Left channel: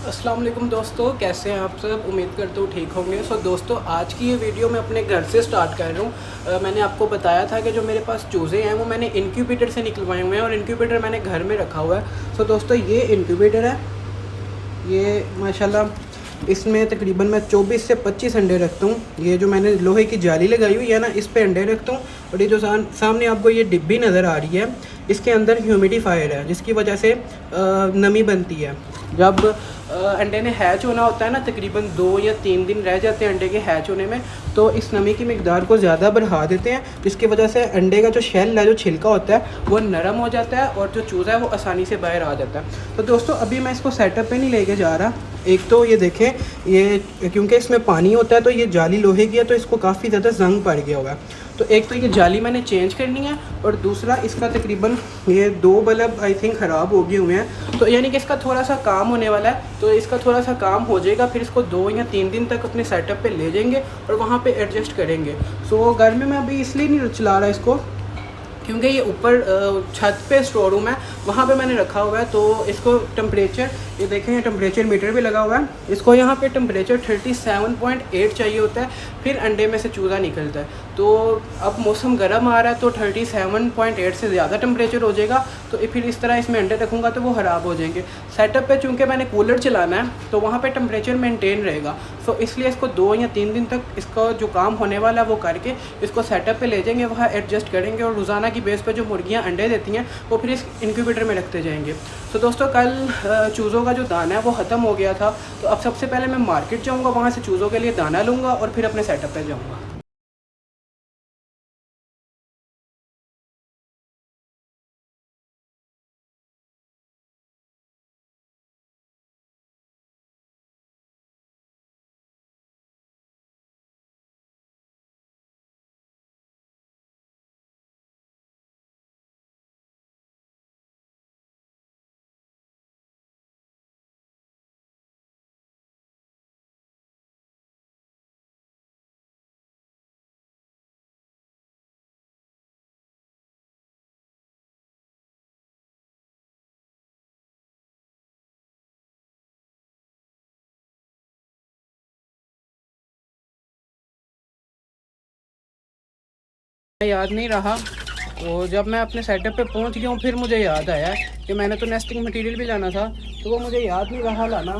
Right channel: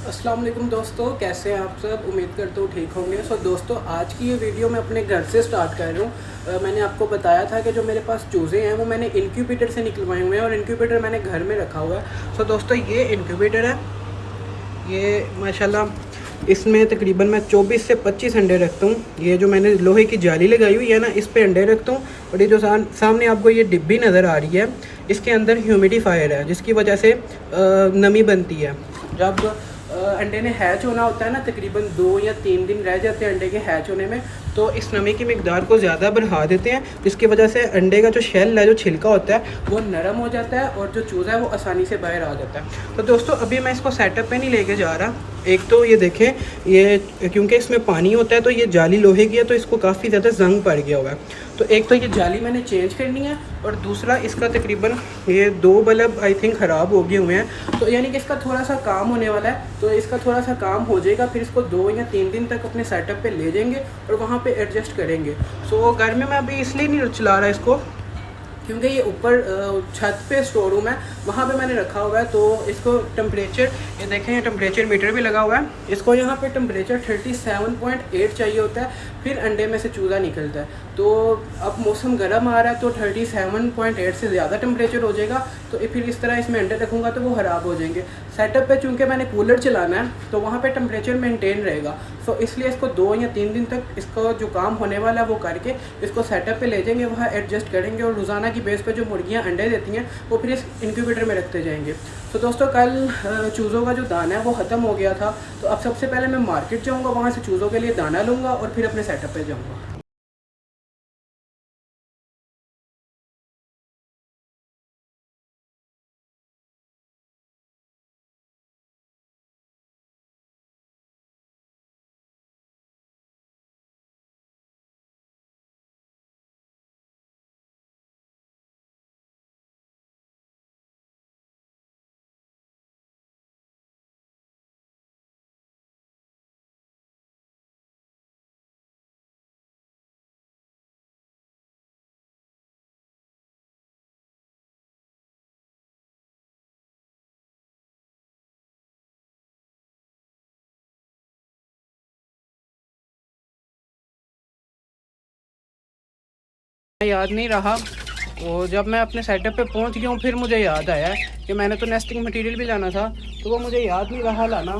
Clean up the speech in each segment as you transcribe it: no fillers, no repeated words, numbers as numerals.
अस्सलाम वालेकुम दोस्तों, कैसे हैं आप सब। उम्मीद करता हूँ ठीक होंगे। दोस्तों, आज की ये वीडियो मैं अपने घर से स्टार्ट कर रहा हूँ। मैंने आपको बताया था कि जो मेरे पास चूज़े हैं वो मैंने इनक्यूबेटर से निकलवाए हुए हैं और इनक्यूबेटर मैंने घर में रखा हुआ है। दोस्तों, ये इनक्यूबेटर है। ये माशाल्लाह इसमें तकरीबन मैं 24 से 25 अंडे रखता हूँ। ये जो मैंने लोहे की जाली लगाई हुई है ना, इस पे अंडे रखता हूँ। और ये जो सामने आपको ये डिब्बी नज़र आ रही है, इसके अंदर ह्यूमिडिफायर है, जिसकी वजह से नमी बनती है। जब अंडे ने हैच होना होता है ना, तकरीबन 2 या 3 दिन रह जाते हैं अंडे के हैच होने में, तो इस नमी की मिकदार को ज़्यादा बढ़ा देते हैं, जिसकी वजह से अंडे का जो शेल है, जो छिलका होता है, वो नरम हो जाता है और जो चूज़ा है वो आसानी से बाहर आ जाता है। तो दोस्तों, अभी मैं इसको सेटअप पे नहीं लेके जा रहा। एक तो ये देखें, ये क्योंकि इसमें पानी होता है तो ये जाली लोहे की है, तो इसको काफ़ी ज़्यादा जंग पड़ गया हुआ है। तो एक तो ये जाली मैंने चेंज करनी है, और दूसरा इसका तकरीबन ये 2 बल्ब आई थिंक ख़राब हो गए हुए हैं, तो यानी कि इसका थोड़ा सा काम होने वाला है। तो इसका थोड़ा सा काम हो जाएगा, फिर इसको 2 या 3 दिन तक अपने सेटअप पे ले जाएंगे और वहाँ पे एडजस्ट करेंगे। घर में मैं अभी इसलिए नहीं चला रहा इसको, क्योंकि ये ऊपर छत पे स्टोर रूम है, वहाँ पे मैंने रखा हुआ है। तो इसको टेम्परेचर, ये देखें, ये टेम्परेचर मीटर भी लगा हुआ है। इसको यहाँ पे टेम्परेचर 37.8 चाहिए होता है, फिर अंडे में से चूज़ा निकलता है। तो अब मौसम गर्म आ रहा है, तो 37.8 से ज़्यादा टेम्परेचर हो जाएगा, तो फिर इस तरह इसमें अंडे रखूँगा तो वो ख़राब हो जाएंगे। सेटअप पे चूँकि मैंने कूलर चलाना है, तो वहाँ पे टेम्परेचर मेंटेन रहेगा। तो इसलिए इसको 2 या 3 दिन तक इसका जो काम होने वाला है वो करके इसको सेटअप पे ले जाएंगे, वहाँ एडजस्ट करेंगे, और रोज़ाना की बेस पे जो मुर्गियाँ अंडे देती हैं वो फिर इस इनक्यूबेटर में रखते जाएंगे। दोस्तों, कल चूज़ों का जो दाना है वो ख़त्म हो गया था, तो अब सबसे पहले मैं मार्केट जाऊँगा, वहाँ से चूज़ों के लिए दाना लूँगा और फिर अपने सेटअप पे जाऊँगा। याद नहीं रहा, और जब मैं अपने सेटअप पे पहुंच गया हूँ, फिर मुझे याद आया कि मैंने तो नेस्टिंग मटेरियल भी लाना था, तो वो मुझे याद नहीं रहा लाना।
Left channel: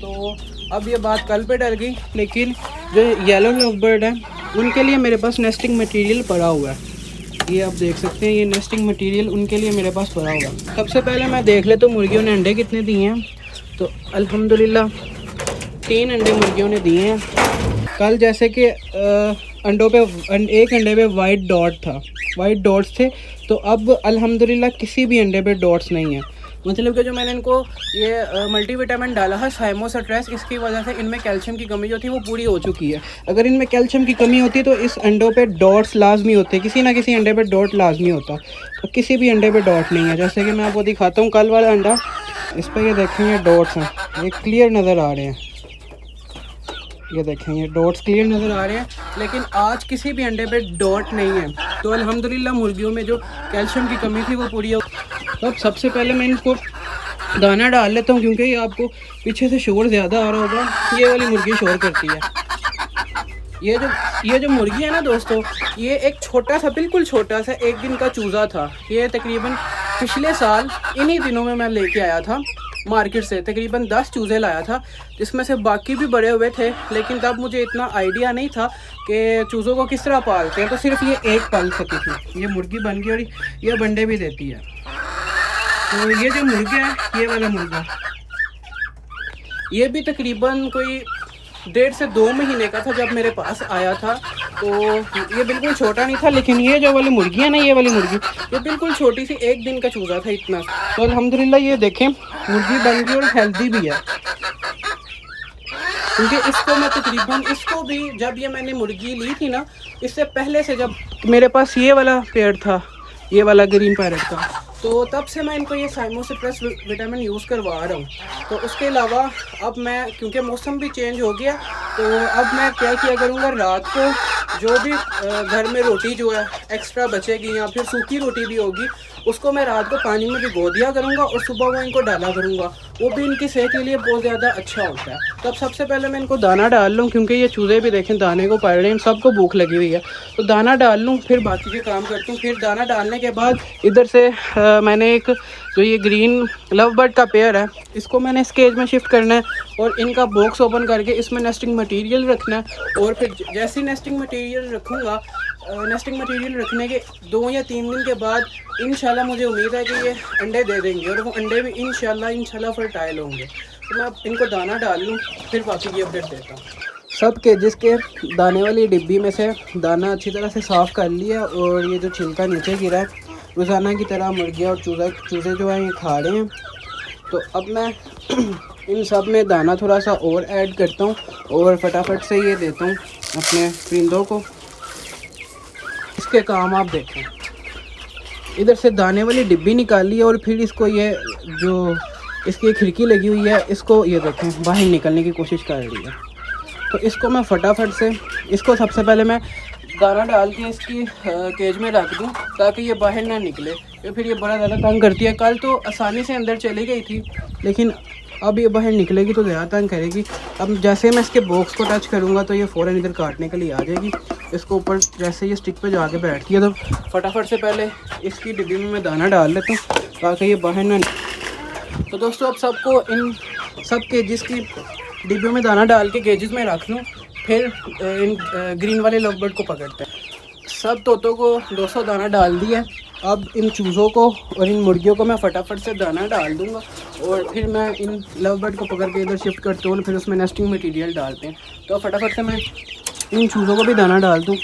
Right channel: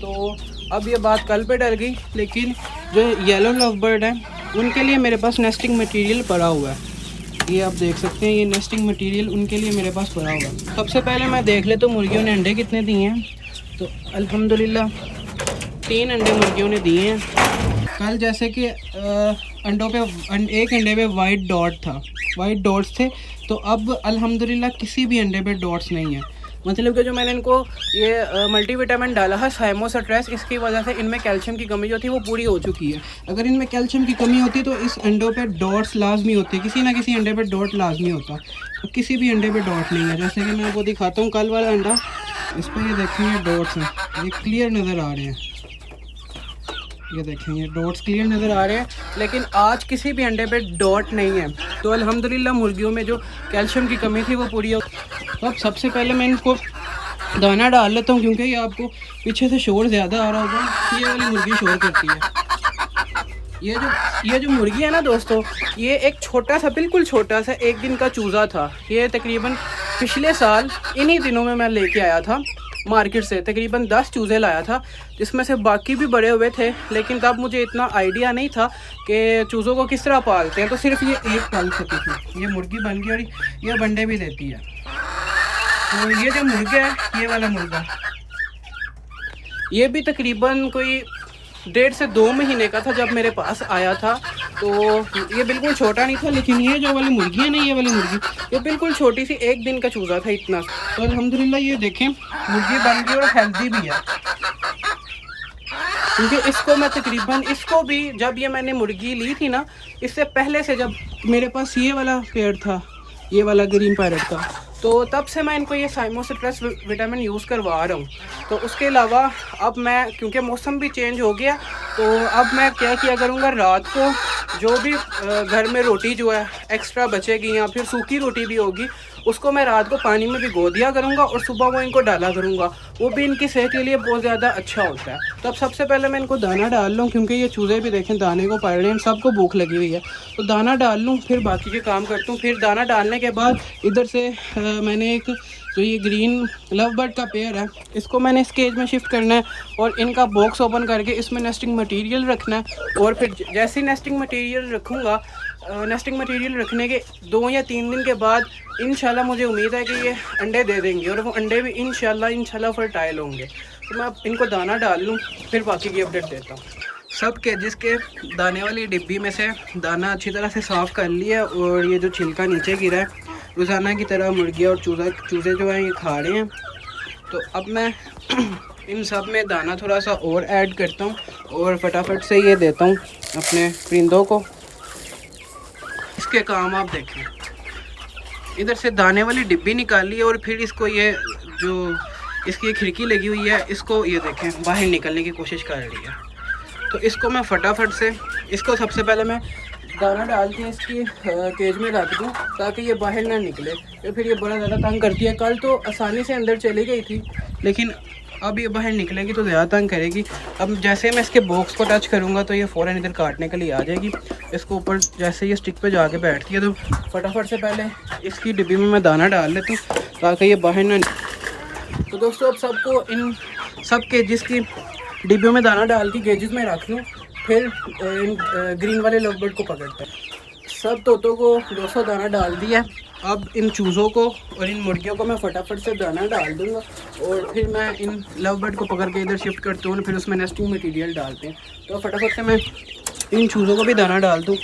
तो अब ये बात कल पे डल गई, लेकिन जो येलो लव बर्ड है उनके लिए मेरे पास नेस्टिंग मटेरियल पड़ा हुआ है। ये आप देख सकते हैं, ये नेस्टिंग मटेरियल उनके लिए मेरे पास पड़ा हुआ है। सबसे पहले मैं देख लेता हूँ मुर्गियों ने अंडे कितने दिए हैं। तो अल्हम्दुलिल्लाह 3 अंडे मुर्गियों ने दिए हैं। कल जैसे कि अंडों पे एक अंडे पे वाइट डॉट था, वाइट डॉट्स थे, तो अब अल्हम्दुलिल्लाह किसी भी अंडे पे डॉट्स नहीं है। मतलब कि जो मैंने इनको ये मल्टीविटामिन डाला है साइमोसट्रेस, इसकी वजह से इनमें कैल्शियम की कमी जो थी वो पूरी हो चुकी है। अगर इनमें कैल्शियम की कमी होती तो इस अंडों पे डॉट्स लाजमी होते, किसी ना किसी अंडे पे डॉट लाजमी होता, तो किसी भी अंडे पे डॉट नहीं है। जैसे कि मैं आपको दिखाता हूँ कल वाला अंडा, इस पर ये देखेंगे डॉट्स हैं, ये क्लियर नज़र आ रहे हैं। ये देखें, ये डॉट्स क्लियर नज़र आ रहे हैं, लेकिन आज किसी भी अंडे पे डॉट नहीं है। तो अल्हम्दुलिल्लाह मुर्गियों में जो कैल्शियम की कमी थी वो पूरी हो। तो अब सबसे पहले मैं इनको दाना डाल लेता हूँ, क्योंकि ये आपको पीछे से शोर ज़्यादा आ रहा होगा, ये वाली मुर्गी शोर करती है। ये जो मुर्गी है ना दोस्तों, ये एक छोटा सा, बिल्कुल छोटा सा 1 दिन का चूज़ा था। ये तकरीबन पिछले साल इन्हीं दिनों में मैं लेके आया था मार्केट से, तकरीबन 10 चूज़े लाया था, जिसमें से बाकी भी बड़े हुए थे, लेकिन तब मुझे इतना आइडिया नहीं था कि चूज़ों को किस तरह पालते हैं। तो सिर्फ ये एक पाल सकी थी, ये मुर्गी बन गई और ये अंडे भी देती है। तो ये जो मुर्गा है, ये वाला मुर्गा, ये भी तकरीबन कोई 1.5 से 2 महीने का था जब मेरे पास आया था। तो ये बिल्कुल छोटा नहीं था, लेकिन ये जो वाली मुर्गी है ना, ये वाली मुर्गी, ये बिल्कुल छोटी सी 1 दिन का चूज़ा था इतना। तो अल्हम्दुलिल्लाह ये देखें, मुर्गी बन गई और हेल्दी भी है। क्योंकि इसको मैं तकरीबन, इसको भी जब ये मैंने मुर्गी ली थी ना, इससे पहले से जब मेरे पास ये वाला पेड़ था, ये वाला ग्रीन पैरेट का, तो तब से मैं इनको ये साइमोसिट्रस विटामिन यूज़ करवा रहा हूँ। तो उसके अलावा अब मैं, क्योंकि मौसम भी चेंज हो गया, तो अब मैं क्या किया करूँगा, रात को जो भी घर में रोटी जो है एक्स्ट्रा बचेगी या फिर सूखी रोटी भी होगी, उसको मैं रात को पानी में भिगो दिया करूँगा और सुबह वो इनको डाला करूँगा, वो भी इनकी सेहत के लिए बहुत ज़्यादा अच्छा होता है। तो अब सबसे पहले मैं इनको दाना डाल लूँ, क्योंकि ये चूज़े भी देखें दाने को पड़ रहे हैं, सबको भूख लगी हुई है। तो दाना डाल लूँ, फिर बाकी के काम करता हूँ। फिर दाना डालने के बाद इधर से मैंने एक जो ये ग्रीन लव बर्ड का पेयर है, इसको मैंने इस केज में शिफ्ट करना है और इनका बॉक्स ओपन करके इसमें नेस्टिंग मटेरियल रखना है। और फिर जैसे ही नेस्टिंग मटेरियल रखूँगा, नेस्टिंग मटेरियल रखने के 2 या 3 दिन के बाद इंशाल्लाह मुझे उम्मीद है कि ये अंडे दे देंगे और वो अंडे भी इंशाल्लाह फर्टाइल होंगे। तो मैं अब इनको दाना डाल लूँ, फिर बाकी की अपडेट देता हूँ। सब केजेस के दाने वाली डिब्बी में से दाना अच्छी तरह से साफ़ कर लिया और ये जो छिलका नीचे गिरा है रोज़ाना की तरह मुर्गियाँ और चूज़े जो हैं ये खा रहे हैं। तो अब मैं इन सब में दाना थोड़ा सा और ऐड करता हूँ और फटाफट से ये देता हूँ अपने परिंदों को। इसके काम आप देखें, इधर से दाने वाली डिब्बी निकाली और फिर इसको ये जो इसकी खिड़की लगी हुई है, इसको ये देखें बाहर निकलने की कोशिश कर रही है। तो इसको मैं फटाफट से इसको सबसे पहले मैं दाना डाल के इसकी केज में रख दूं ताकि ये बाहर ना निकले, तो फिर ये बड़ा ज़्यादा तंग करती है। कल तो आसानी से अंदर चली गई थी, लेकिन अब ये बाहर निकलेगी तो ज़्यादा तंग करेगी। अब जैसे मैं इसके बॉक्स को टच करूँगा तो ये फ़ौरन इधर काटने के लिए आ जाएगी। इसको ऊपर जैसे ये स्टिक पे जाके बैठती है, तो फटाफट से पहले इसकी डिब्बी में मैं दाना डाल लेता हूँ ताकि ये बाहर ना। तो दोस्तों अब सबको इन सब केजेस की डिब्बियों में दाना डाल के केजेस में रख लूँ, फिर इन ग्रीन वाले लव बर्ड को पकड़ते हैं। सब तोतों को 200 दाना डाल दिया। अब इन चूज़ों को और इन मुर्गियों को मैं फटाफट से दाना डाल दूंगा और फिर मैं इन लव बर्ड को पकड़ के इधर शिफ्ट करता हूँ, फिर उसमें नेस्टिंग मटेरियल डालते हैं। तो फटाफट से मैं इन चूज़ों को भी दाना डाल दूँ।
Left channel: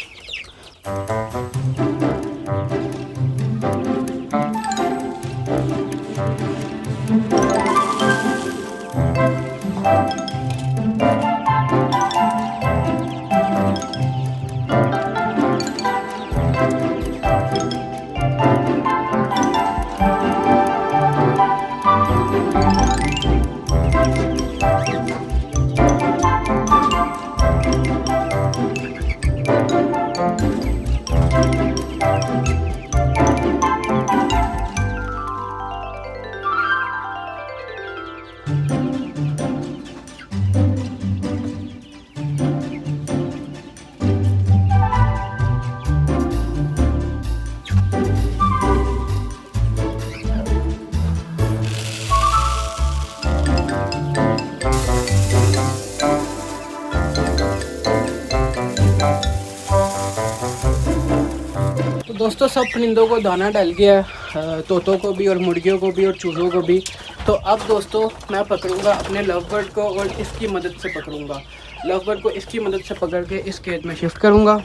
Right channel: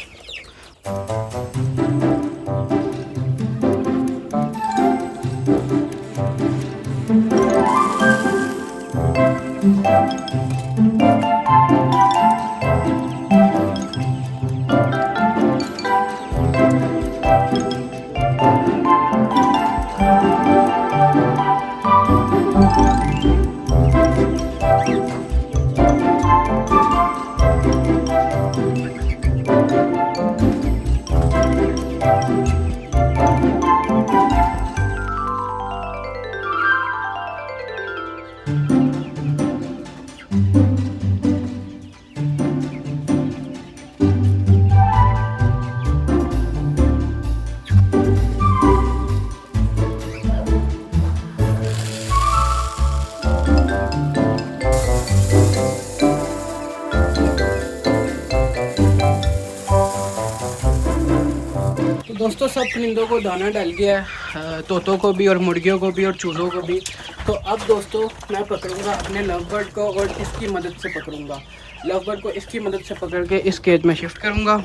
दोस्तों सब परिंदों को दाना डल गया है, तोतों को भी और मुर्गियों को भी और चूज़ों को भी। तो अब दोस्तों मैं पकड़ूंगा अपने लव बर्ड को और इसकी मदद से पकड़ूंगा। लव बर्ड को इसकी मदद से पकड़ के इस केज में शिफ्ट करूंगा।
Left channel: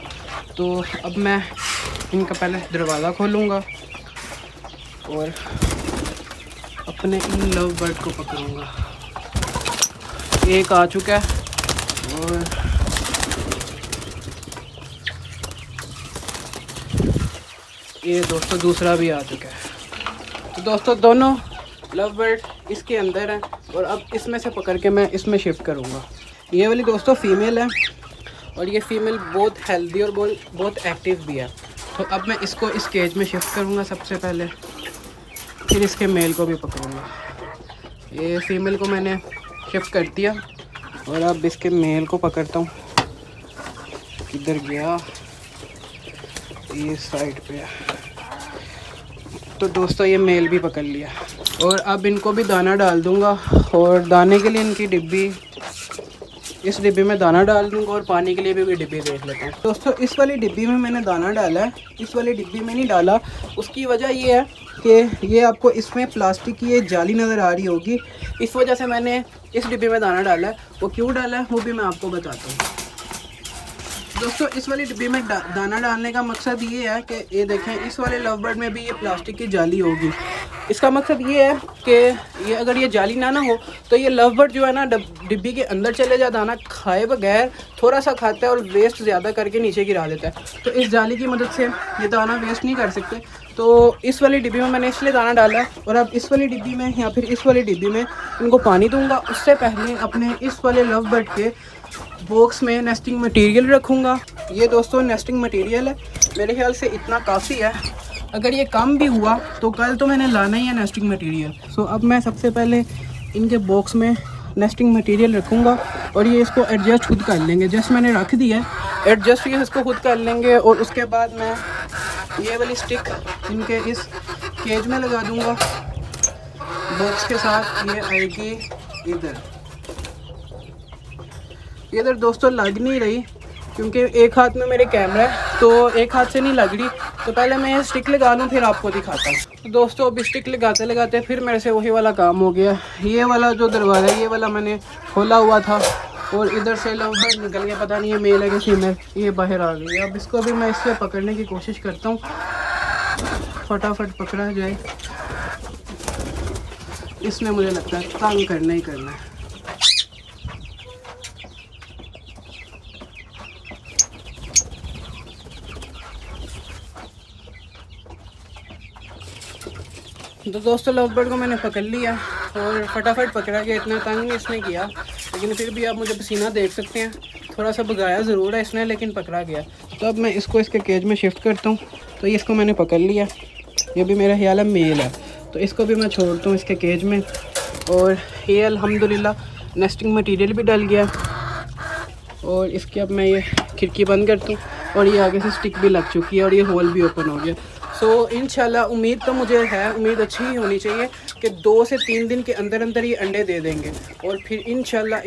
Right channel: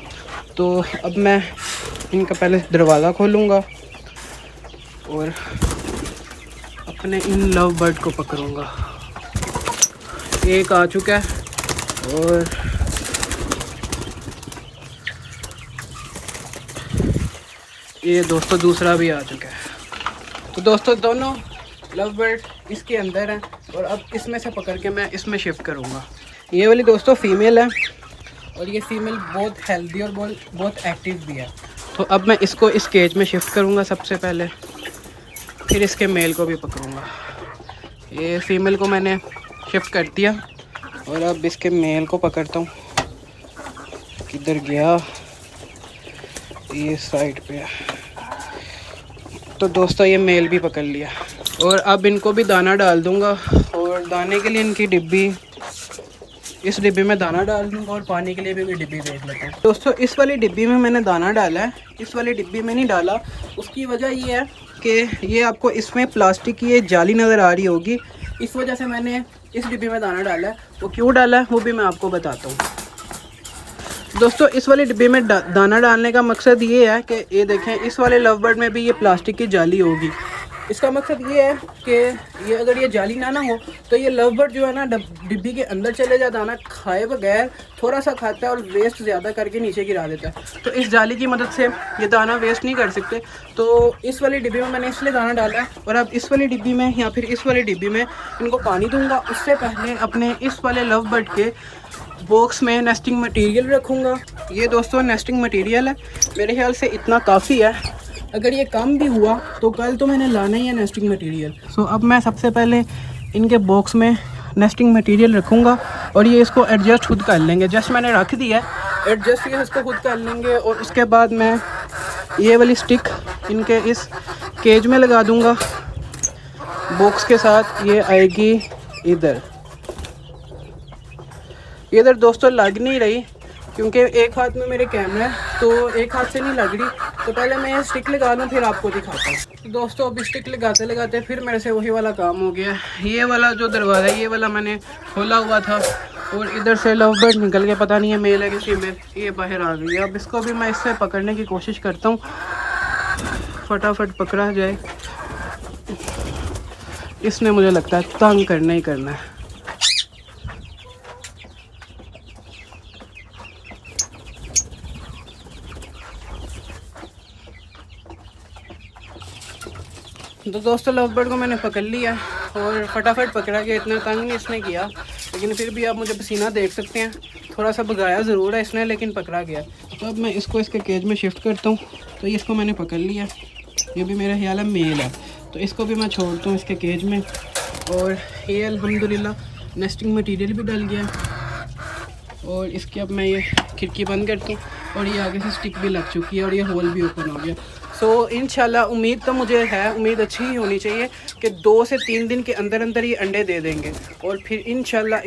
तो अब मैं इनका पहले दरवाज़ा खोलूंगा और अपने इन लव बर्ड को पकड़ूंगा। एक आ चुका है और ये दोस्तों दूसरा भी आ चुका है। तो दोस्तों दोनों लव बर्ड इसके अंदर हैं और अब इसमें से पकड़ के मैं इसमें शिफ्ट करूँगा। ये वाली दोस्तों फीमेल है और ये फीमेल बहुत हेल्दी और बहुत एक्टिव भी है। तो अब मैं इसको इस केज में शिफ्ट करूँगा सबसे पहले, फिर इसके मेल को भी पकड़ूँगा। ये फीमेल को मैंने शिफ्ट कर दिया और अब इसके मेल को पकड़ता हूँ। किधर गया? ये साइड पे है। तो दोस्तों ये मेल भी पकड़ लिया और अब इनको भी दाना डाल दूंगा और दाने के लिए इनकी डिब्बी, इस डिब्बी में दाना डाल दूंगा और पानी के लिए भी डिब्बी देख लेते हैं। दोस्तों इस वाली डिब्बी में मैंने दाना डाला है, इस वाली डिब्बी में नहीं डाला। उसकी वजह ये है कि ये आपको इसमें प्लास्टिक की ये जाली नज़र आ रही होगी, इस वजह से मैंने इस डिब्बी में दाना डाला है। वो क्यों डाला है वो भी मैं आपको बताता हूँ। दोस्तों इस वाली डिब्बी में दाना डालने का मकसद ये है कि ये देखें इस वाले लव बर्ड में भी ये प्लास्टिक की जाली होगी। इसका मकसद ये है कि ये अगर ये जाली ना हो तो ये लव बर्ड जो है ना डिब्बी के अंदर चले जाए, दाना खाए बगैर थोड़ा सा खाता है और वेस्ट ज़्यादा करके नीचे गिरा देता है। तो इस जाली की मदद से ये दाना वेस्ट नहीं कर सकते। तो इस वाली डिब्बी में मैंने इसलिए दाना डाला है और अब इस वाली डिब्बी में या फिर इस वाली डिब्बी में इनको पानी दूंगा। उससे पहले अपने इस वाले लव बर्ड के बॉक्स में नेस्टिंग मटेरियल रखूँगा। ये दोस्तों नेस्टिंग मटेरियल है, मेरे ख्याल से इतना काफ़ी है। अगर ये कम भी हुआ तो कल तो मैंने लाना ही है नेस्टिंग मटेरियल। सो अब मैं सबसे पहले इनके बॉक्स में नेस्टिंग मटेरियल रखूँगा और ये इसको एडजस्ट खुद कर लेंगे। जस्ट मैंने रख दिया है, एडजस्ट ये इसको खुद कर लेंगे। और उसके बाद मैं ये वाली स्टिक इनके इस केज में लगा दूँगा बॉक्स के साथ। ये आएगी इधर दोस्तों, लग नहीं रही क्योंकि एक हाथ में मेरे कैमरा है तो एक हाथ से नहीं लग रही। तो पहले मैं ये स्टिक लगा लूँ फिर आपको दिखाता हूँ। तो दोस्तों अब स्टिक लगाते लगाते फिर मेरे से वही वाला काम हो गया। ये वाला जो दरवाज़ा है ये वाला मैंने खोला हुआ था और इधर से लव बर्ड निकल गया, पता नहीं है मेल है कि फीमेल, ये बाहर आ गई। अब इसको भी मैं इससे पकड़ने की कोशिश करता हूँ, फटाफट पकड़ा जाए। इसने मुझे लगता है तंग करना ही करना है। तो दोस्तों लव बर्ड को मैंने पकड़ लिया और फटाफट पकड़ा गया, इतना तंग नहीं इसने किया। लेकिन फिर भी आप मुझे पसीना देख सकते हैं, थोड़ा सा भगाया ज़रूर है इसने लेकिन पकड़ा गया। तो अब मैं इसको इसके केज में शिफ्ट करता हूँ। तो ये इसको मैंने पकड़ लिया, ये भी मेरा ख्याल है मेल है, तो इसको भी मैं छोड़ता हूँ इसके केज में। और ये अल्हम्दुलिल्लाह नेस्टिंग मटीरियल भी डल गया और इसकी अब मैं ये खिड़की बंद करता हूँ और ये आगे से स्टिक भी लग चुकी है और ये होल भी ओपन हो गया। सो इंशाल्लाह उम्मीद तो मुझे है, उम्मीद अच्छी ही होनी चाहिए कि 2 से 3 दिन के अंदर अंदर ये अंडे दे देंगे और फिर इंशाल्लाह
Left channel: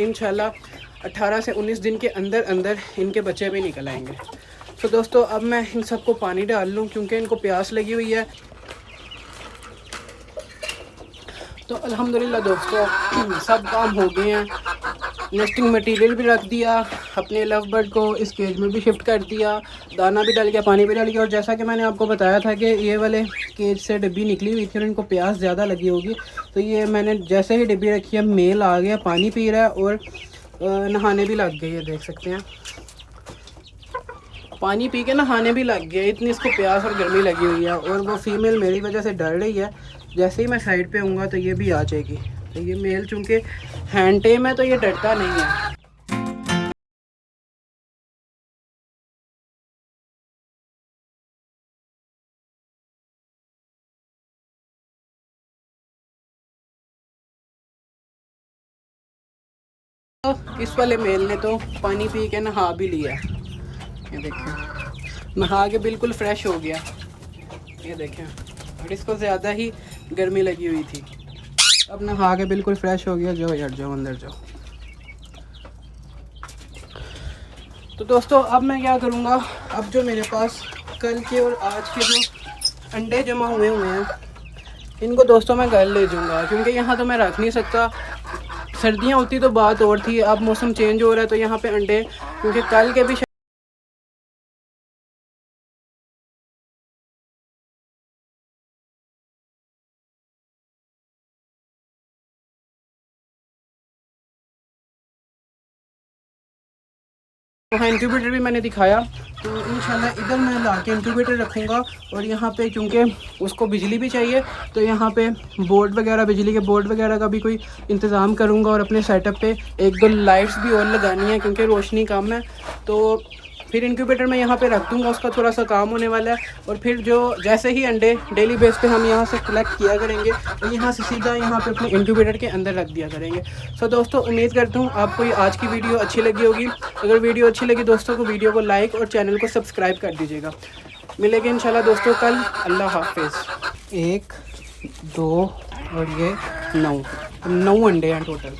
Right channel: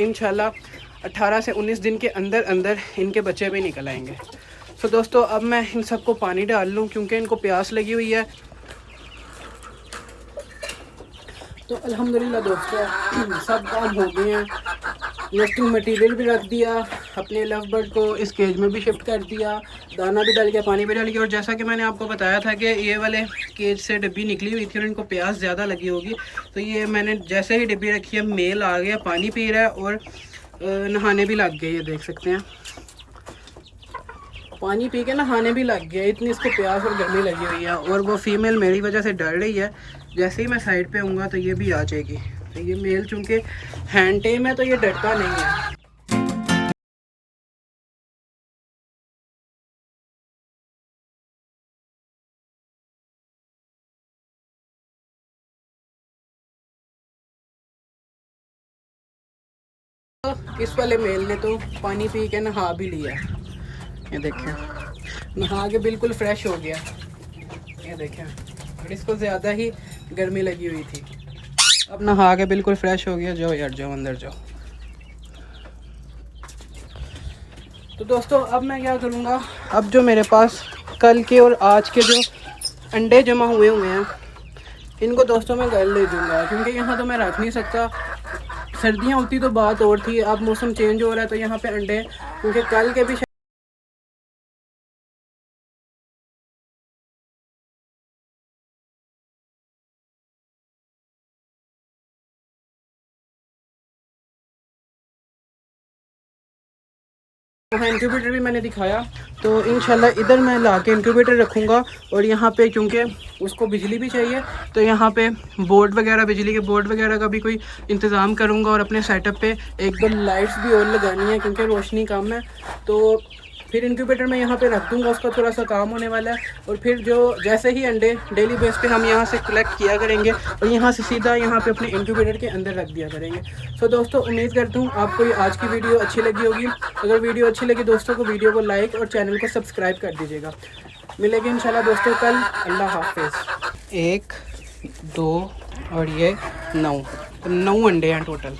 18 से 19 दिन के अंदर अंदर इनके बच्चे भी निकल आएंगे। तो दोस्तों अब मैं इन सबको पानी डाल लूँ क्योंकि इनको प्यास लगी हुई है। तो अल्हम्दुलिल्लाह दोस्तों सब काम हो गए हैं। नेस्टिंग मटेरियल भी रख दिया, अपने लव बर्ड को इस केज में भी शिफ्ट कर दिया, दाना भी डाल गया, पानी भी डाल गया। और जैसा कि मैंने आपको बताया था कि ये वाले केज से डिब्बी निकली हुई थी और इनको प्यास ज़्यादा लगी होगी, तो ये मैंने जैसे ही डिब्बी रखी है मेल आ गया, पानी पी रहा है और नहाने भी लग गए। ये देख सकते हैं पानी पी के नहाने भी लग गया, इतनी इसको प्यास और गर्मी लगी हुई है। और वो फीमेल मेरी वजह से डर रही है, जैसे ही मैं साइड पे आऊँगा तो ये भी आ जाएगी। तो ये मेल चूँकि हैंड टेम है तो ये डरता नहीं है। तो इस वाले मेल ने तो पानी पी के नहा भी लिया, ये देखें नहा के बिल्कुल फ्रेश हो गया, ये देखें। और इसको ज़्यादा ही गर्मी लगी हुई थी, अब नहा के बिल्कुल फ्रेश हो गया। जाओ यार जाओ अंदर जाओ। तो दोस्तों अब मैं क्या करूँगा, अब जो मेरे पास कल के और आज के जो अंडे जमा हुए हैं इनको दोस्तों मैं घर ले जाऊँगा क्योंकि यहाँ तो मैं रख नहीं सकता। सर्दियाँ होती तो बात और थी, अब मौसम चेंज हो रहा है तो यहाँ पे अंडे, क्योंकि कल के भी वहाँ इंक्यूबेटर भी मैंने दिखाया। तो इंशाल्लाह इधर मैं ला के इंक्यूबेटर रखूँगा और यहाँ पे क्योंकि उसको बिजली भी चाहिए तो यहाँ पे बोर्ड वगैरह, बिजली के बोर्ड वगैरह का भी कोई इंतज़ाम करूँगा। और अपने सेटअप पे 1-2 लाइट्स भी और लगानी है क्योंकि रोशनी कम है। तो फिर इंक्यूबेटर में यहाँ पे रख दूँगा, उसका थोड़ा सा काम होने वाला है। और फिर जो जैसे ही अंडे डेली बेस पे हम यहाँ से कलेक्ट किया करेंगे और यहाँ से सीधा यहाँ पे अपने इंक्यूबेटर के अंदर रख दिया करेंगे। सो दोस्तों उम्मीद करता हूँ आपको ये आज की वीडियो अच्छी लगी होगी। अगर वीडियो अच्छी लगी दोस्तों को वीडियो को लाइक और चैनल को सब्सक्राइब कर दीजिएगा। मिलेंगे इंशाल्लाह दोस्तों कल। अल्लाह हाफिज़। 1 2 और ये 9 अंडे हैं टोटल।